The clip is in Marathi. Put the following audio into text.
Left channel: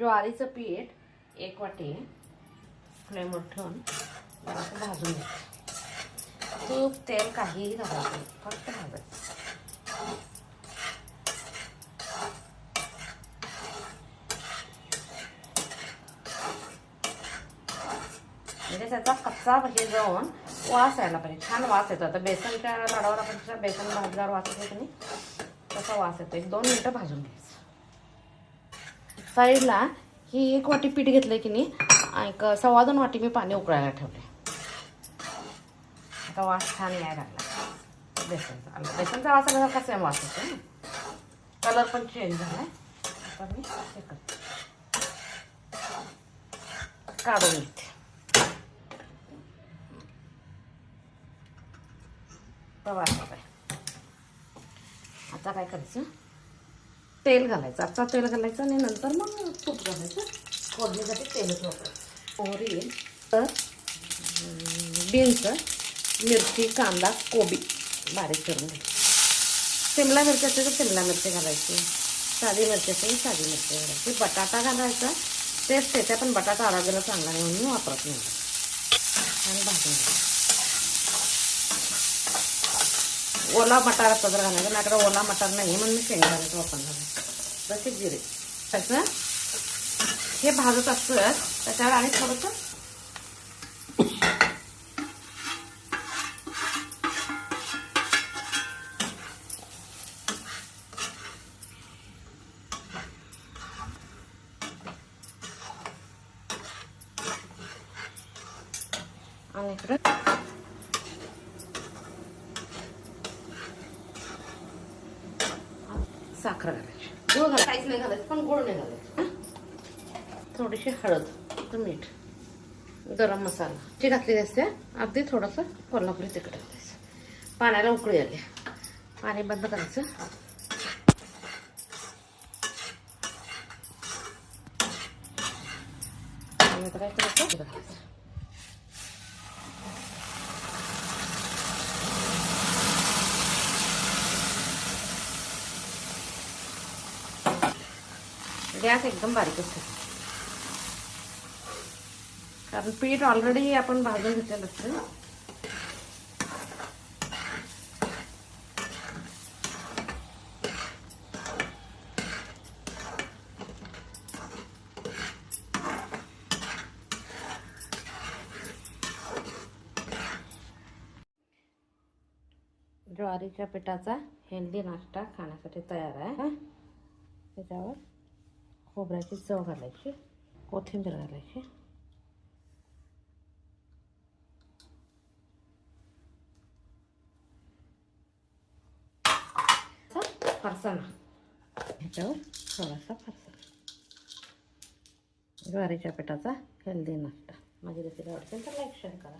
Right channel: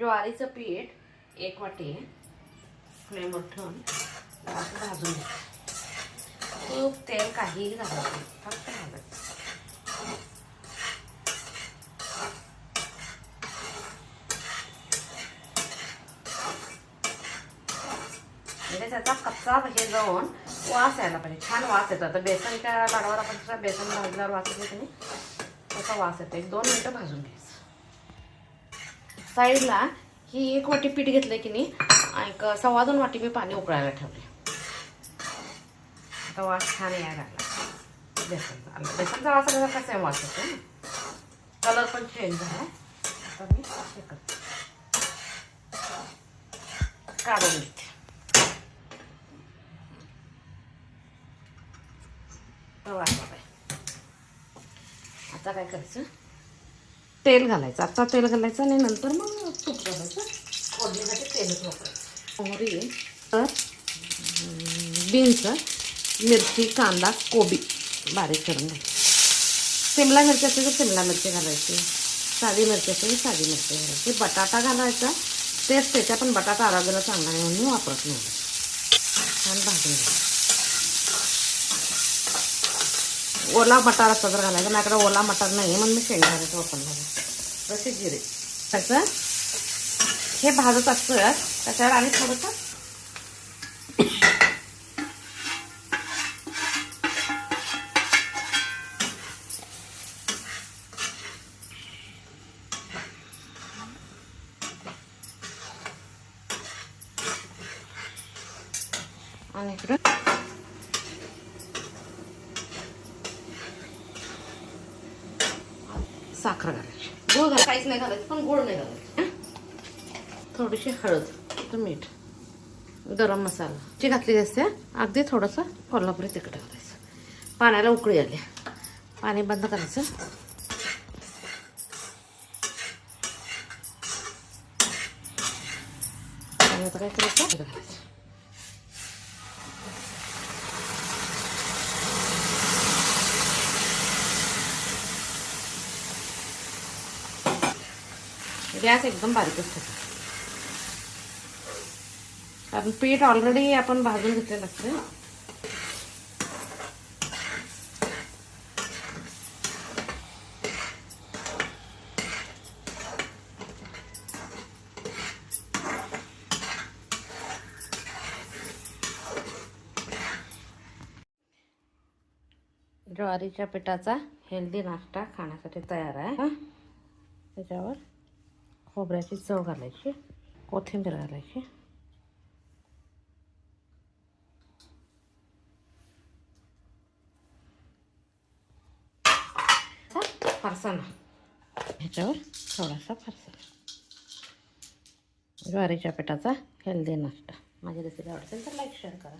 ज्वारीचं पीठ एक वाटी फ्लेमवर ठेवून असं भाजून घ्यायचं खूप तेल काहीही घालावं फक्त भाजत म्हणजे त्याचा कच्चा हे जाऊन वास यायला पाहिजे. छान वास येतो. आता बेसनच्या लाडावर आपण बेसन भाजल्यावर वास येतो तसा वास येतो एक दोन मिनटं भाजून घ्यायचं साईडला ही एक वाटी पीठ घेतलंय की नाही एक सव्वा दोन वाटी मी पाणी उकळायला ठेवले आता वास छान यायला लागला. बेसनचा बेसनचा वास आला का सेम वास कलर पण चेंज झाला. आता मी काढून घेते. आता काय करायचं? तेल घालायचं आता तेल घालायचं आणि नंतर मग तूप घालायचं. फोडणीसाठी तेलच वापरायचं. मोहरी तर बीन्स मिरची कांदा कोबी बारीक करून घ्यायची. शिमला मिरची असेल तर शिमला मिरची घालायची. साधी मिरची असेल तर साधी मिरची घालायची. बटाटा घालायचा. तेच त्याच्या पण बटाटा आरोग्याला चांगला म्हणून वापरत नाही. छान भाजून घ्यायचं ओला मटार असतं तर घालायचं माझ्याकडे ओला मटार नाही म्हणून मी शेंगदाण्याचं वापरणार जसे जिरे त्याचं हे भाजत असतोय त्याच्यावर आणि थोडंसं आणि इकडे साखर घालायची. गुळ घाल काहीच नाही घालायचं पण गोड नाही घालायचं. थोडीशी हळद तर मीठ गरम मसाला. जी घातली असते अगदी थोडंसं कोल्हापुरी तिखट घालायचं. पाण्याला उकळी आली. पाणी बंद करायचं. आता काय करायचं? घालायचं गॅस एकदम बारीकच ठेवतो कारण पीठ ऑलरेडी आपण भाजून घेतलेलं असते. ज्वारीच्या पिठाचा हेल्दी नाश्ता खाण्यासाठी तयार आहे. त्याच्यावर खोबऱ्याची चव घालायची कोथिंबीर घालायची. फरसाणा ह्याच्यावर थोडासा फरसाणा ज्वारीच्या पिठाचा हेल्दी नाश्ता. माझी रेसिपी आवडते तर लाईक शेअर करा.